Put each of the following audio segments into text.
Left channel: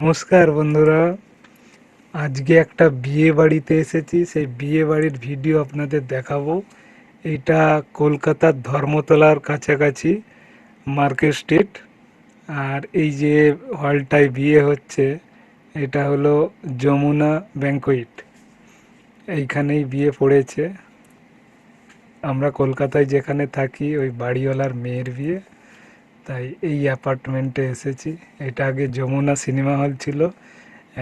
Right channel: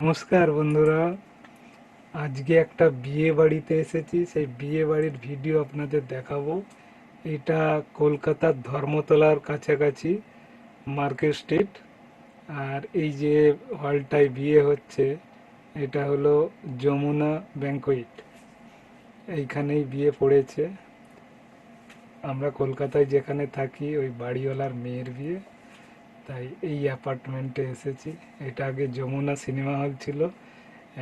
নমস্কার বন্ধুরা, আজকে একটা বিয়ে বাড়িতে এসেছি। সেই বিয়ে বাড়ির ভিডিও আপনাদের দেখাবো। এটা কলকাতার ধর্মতলার কাছাকাছি মার্কেট স্ট্রিট। আর এই যে হলটায় বিয়ে হচ্ছে, এটা হলো যমুনা ব্যাংকোয়েট। এইখানেই বিয়ে পড়েছে। আমরা কলকাতায় যেখানে থাকি ওই বাড়িওয়ালার মেয়ের বিয়ে, তাই এই অ্যাপার্টমেন্টে এসেছি। এটা আগে যমুনা সিনেমা হল ছিল,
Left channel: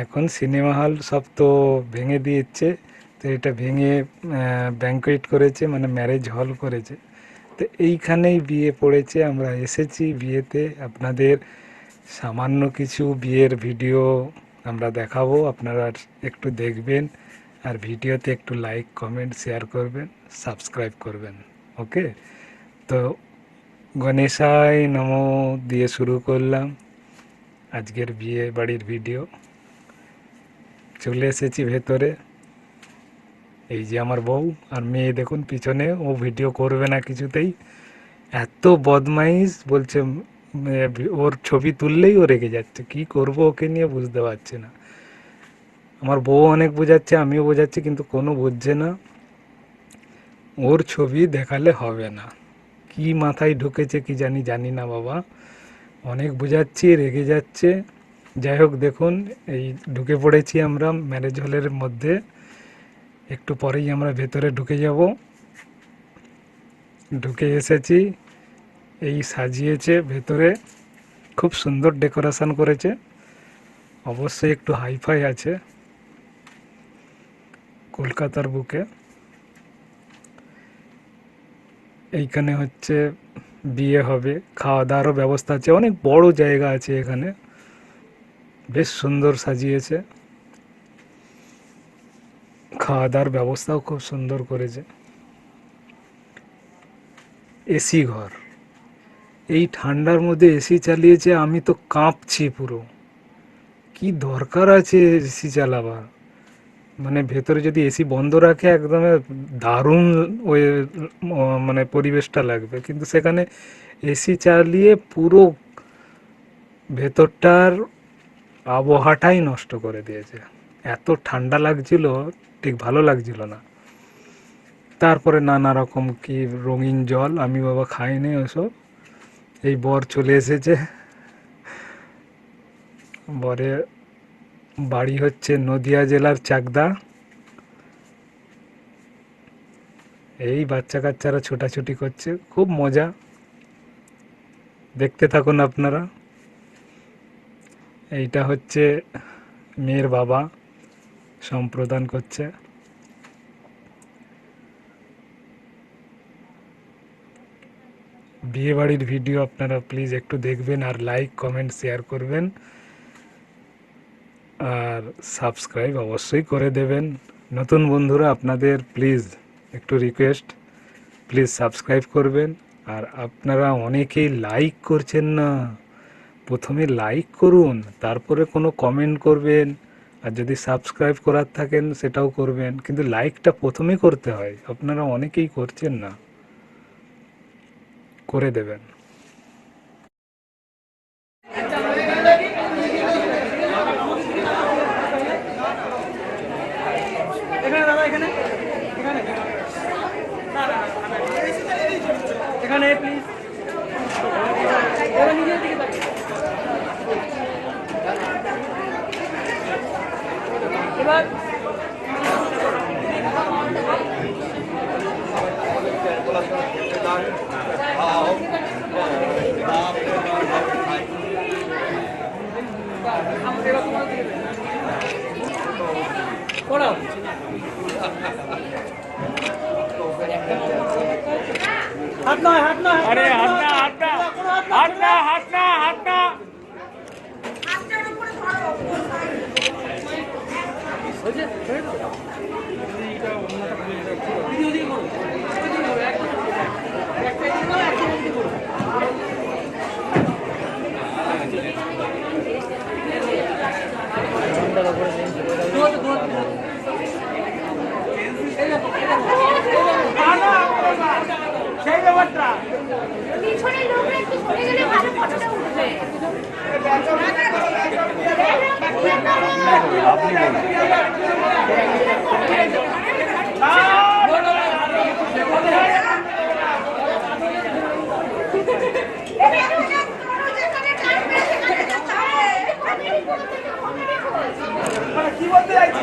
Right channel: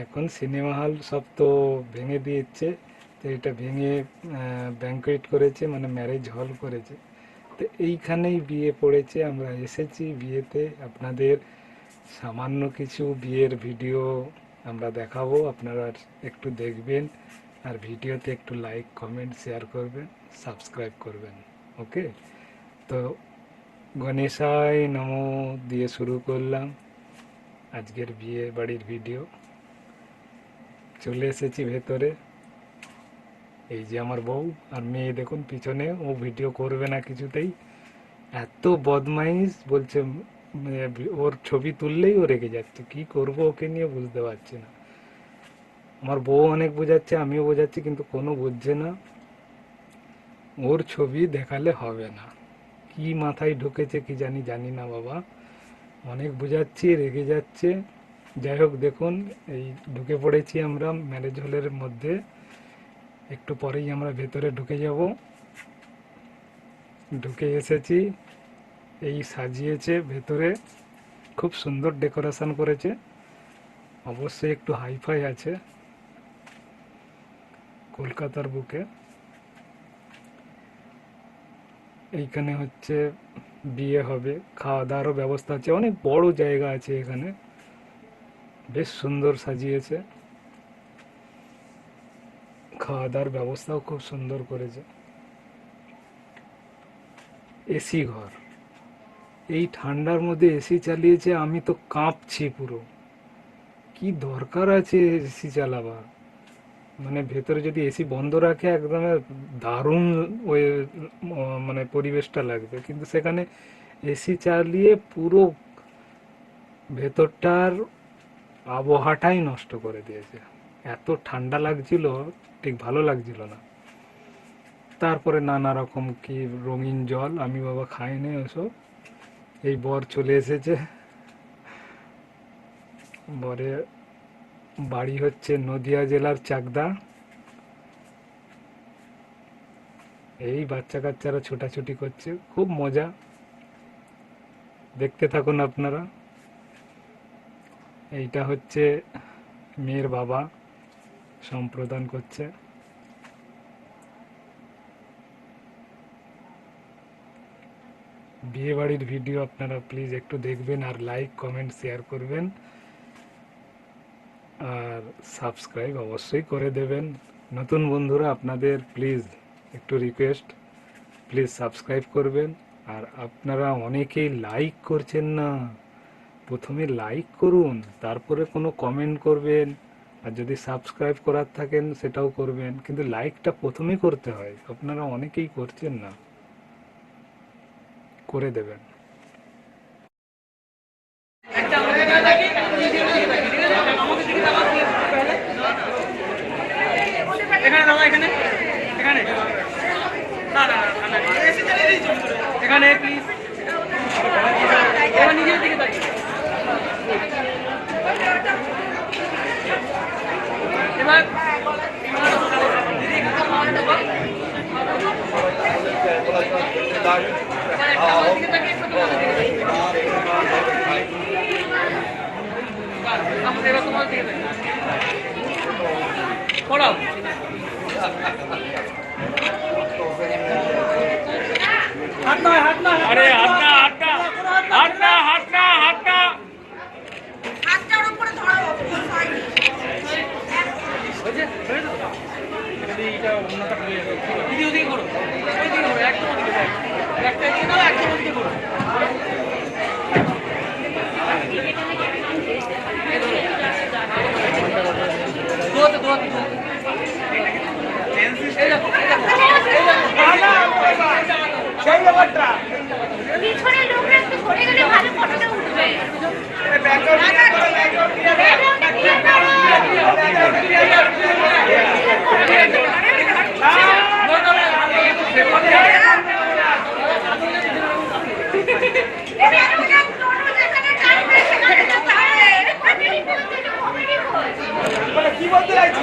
এখন সিনেমা হল সব তো ভেঙে দিয়েছে। তো এটা ভেঙে ব্যাংকোয়েট করেছে, মানে ম্যারেজ হল করেছে। তো এইখানেই বিয়ে পড়েছে, আমরা এসেছি বিয়েতে। আপনাদের সামান্য কিছু বিয়ের ভিডিও আমরা দেখাবো, আপনারা একটু দেখবেন। আর ভিডিওতে একটু লাইক কমেন্ট শেয়ার করবেন, সাবস্ক্রাইব করবেন। ওকে, তো গণেশায় নমো দিয়ে শুরু করলাম আজকের বিয়ে বাড়ির ভিডিও। চলে এসেছি ভেতরে। এই যে আমার বউ, আর মেয়ে দেখুন পিছনে, ও ভিডিও করবে না কিছুতেই। এত বদমাইশ বলছে, ওর ছবি তুললেই ও রেগে যাচ্ছে। কি করব ওকে নিয়ে বুঝতে পারছি না। আমার বউ অনেক বোঝাচ্ছে, আমিও বোঝাচ্ছি, কিন্তু কোনো বুঝছে না। ওর ছবি দেখালে হবে না। কি মাথায় ঢুকেছে কি জানি, জানি না বাবা। অনেক বোঝাচ্ছি, রেগে যাচ্ছে। যাই হোক, দেখুন এই ঢুকে পড়েছি আমরা ম্যারেজ হলের মধ্যে। একটু পরেই আমরা ভেতরে ঢুকে যাব। ঢুকে এসেছি। এই সাজিয়েছে ভেতরে, খুব সুন্দর ডেকোরেশন করেছে। অবশ্যই একটু হাইফাই আছে কলকাতার বুকে। এইখানে হচ্ছে বিয়ে হবে, খাওয়া দাওয়ারও ব্যবস্থা আছে, অনেক বড় জায়গা আছে এখানে। বেশ সুন্দর সাজিয়েছে, খাওয়া দাওয়ার ব্যবস্থাও খুব সুন্দর করেছে। এসি ঘর, এই ঠান্ডার মধ্যে এসি চালিয়েছে, আমি তো কাঁপছি পুরো। কি দরকার আছে এসি চালাবার? মানে ভেতরে যদি এসি বন্ধ রাখে, একদম দারুণ ওই মানে পরিবেশটা লাগবে, কিন্তু সেখানে এসি চালিয়ে পুরো ভেতরটার আবহাওয়াটাই নষ্ট করে দিয়েছে। এত ঠান্ডা লাগছিল, ঠিক ভালো লাগছিল না। তারপরে নানা রকম কি রঙিন জল, আমি বাবা খাইনি ওসব। এই বর চলে এসেছে। বরের বাড়ি হচ্ছে নদিয়া জেলার চাকদা। এই বাচ্চা কাচ্চারা ছোটাছুটি করছে, খুব মজা। দেখতে থাকুন আপনারা। এইটা হচ্ছে মেয়ের বাবা, সম্প্রদান করছে। বিয়ে বাড়ির ভিডিও আপনারা প্লিজ একটু দেখবেন, আর লাইক কমেন্ট শেয়ার করবেন, আর সাবস্ক্রাইব অবশ্যই করে দেবেন। নতুন বন্ধুরা, আপনাদের প্লিজ একটু রিকোয়েস্ট, প্লিজ সাবস্ক্রাইব করবেন। আর আপনারা অনেকেই লাইক করছেন না। প্রথমে লাইক করুন, তারপরে কোনো কমেন্ট করবেন। আর যদি সাবস্ক্রাইব করার থাকেন সেটাও করবেন, কিন্তু লাইকটা প্রথমে করতে হয়। আপনারা অনেকেই করছেন না, করে দেবেন। এখানে দাদা, এখানে এখানে এখানে প্লিজ, এবার নিজের দিকে তাকিয়ে এবার পড়াও। হাত না, হাত না, আরে হাত না, হাত না, হাত না, হাত না, হাত না, হাতটার উপরে ধরো, কোন সাইডে হয়েছে? এইটা অন্যটা খুলে যাবে। দিদি ওদিকে করো, ওইদিকে করো, একদম ওদিকে যাও, একটা এদিকে দাও, একদম ওদিকে করো। ধোয়াতে ধোয়াতে এই দেখো, এই দেখো, এই দেখো সেই ব্যাপারটা। পিছনের লোকরা একটু সরে গেলে ভালো ফটোটা উঠবে। কি বলতে চাইছি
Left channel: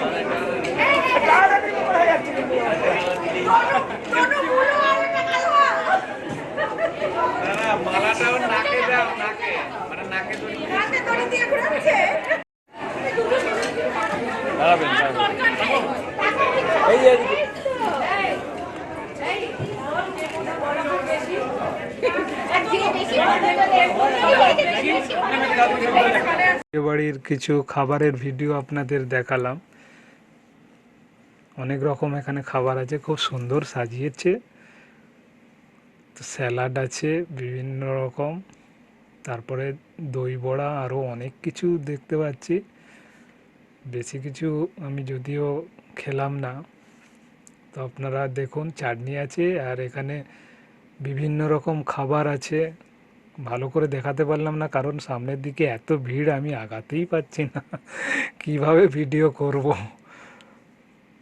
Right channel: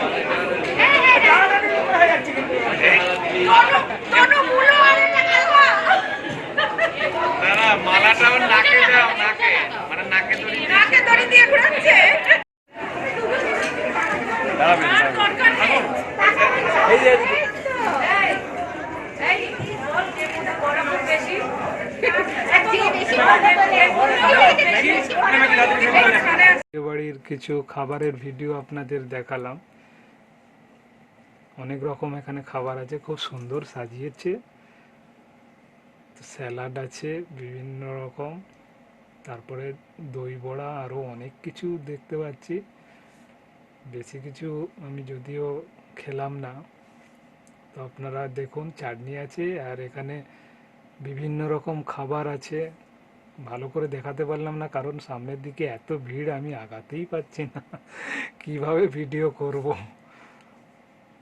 মালাটাও নাকে দাও, নাকে মানে নাকে দড়ি দিয়ে ঘোরাচ্ছে। আর দরকার নেই। এই যে বিয়ে বাড়ির কিছু খাবারের ভিডিও আপনাদের দেখালাম। অনেক রকম এখানে খাবার আছে, খুব সুন্দর সাজিয়েছে। তো স্যালাড আছে বিভিন্ন রকম, তারপরে দই বড়া, আরও অনেক কিছু দেখতে পাচ্ছি। বেশি কিছু আমি যদিও খেলাম না, তো আপনারা দেখুন চাটনি আছে আর এখানে বিভিন্ন রকম খাবার আছে। ভালো করে দেখাতে পারলাম না কারণ সামনের দিকে এত ভিড়, আমি আগাতেই পারছি না কিভাবে ভিডিও করব।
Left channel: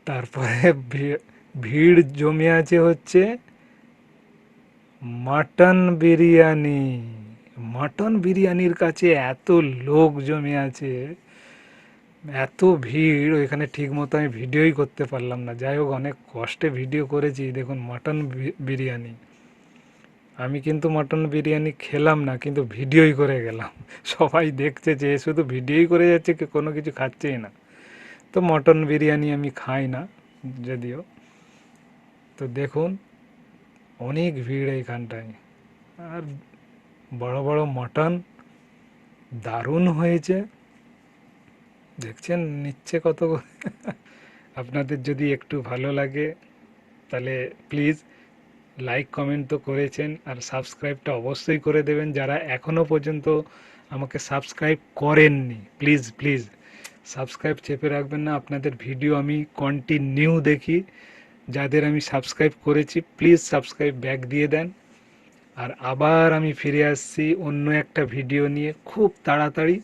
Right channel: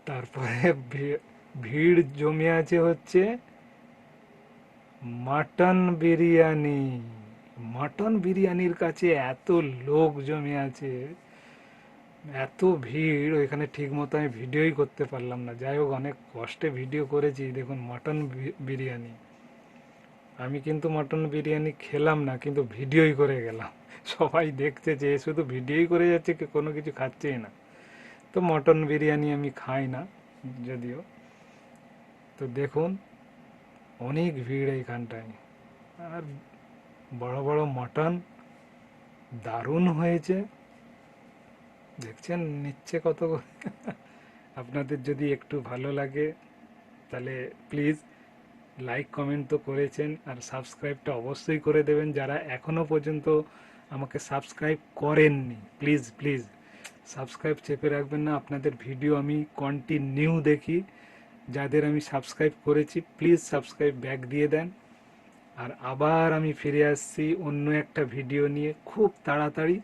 তারপরে ভিড় জমে আছে হচ্ছে মাটন বিরিয়ানি। মাটন বিরিয়ানির কাছে এত লোক জমে আছে, এত ভিড়, ওইখানে ঠিক মতো আমি ভিডিওই করতে পারলাম না। যাই হোক, অনেক কষ্টে ভিডিও করেছি। দেখুন মাটন বিরিয়ানি, আমি কিন্তু মাটন বিরিয়ানি খেলাম না, কিন্তু ভিডিওই করে গেলাম। সবাই দেখছে যে শুধু ভিডিওই করে যাচ্ছে, কোনো কিছু খাচ্ছেই না। তো মটন বিরিয়ানি আমি খাই না যদিও। তো দেখুন অনেক ভিড় এইখানটায়, আর বড় বড় মটন, দারুণ হয়েছে। দেখছেন নিচ্ছে কত করে। আপনাদের যদি একটু ভালো লাগে তাহলে প্লিজ লাইক কমেন্ট তো করেছেন, আর সাবস্ক্রাইবটা অবশ্যই করে দেবেন। যারা এখনও পর্যন্ত আমাকে সাবস্ক্রাইব করেননি, প্লিজ প্লিজ সাবস্ক্রাইব চেপে রাখবেন না। আপনাদের ভিডিও আমি কন্টিনিউ দেখি। যাদের আমি সাবস্ক্রাইব করেছি প্লিজ সাবস্ক্রাইব ব্যাক দিয়ে দেন। আর আবার আমি ফিরে আসছি অন্য একটা ভিডিও নিয়ে খুব তাড়াতাড়ি।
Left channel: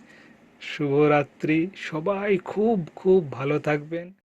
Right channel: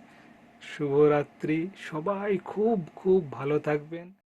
শুভরাত্রি, সবাই খুব খুব ভালো থাকবেন।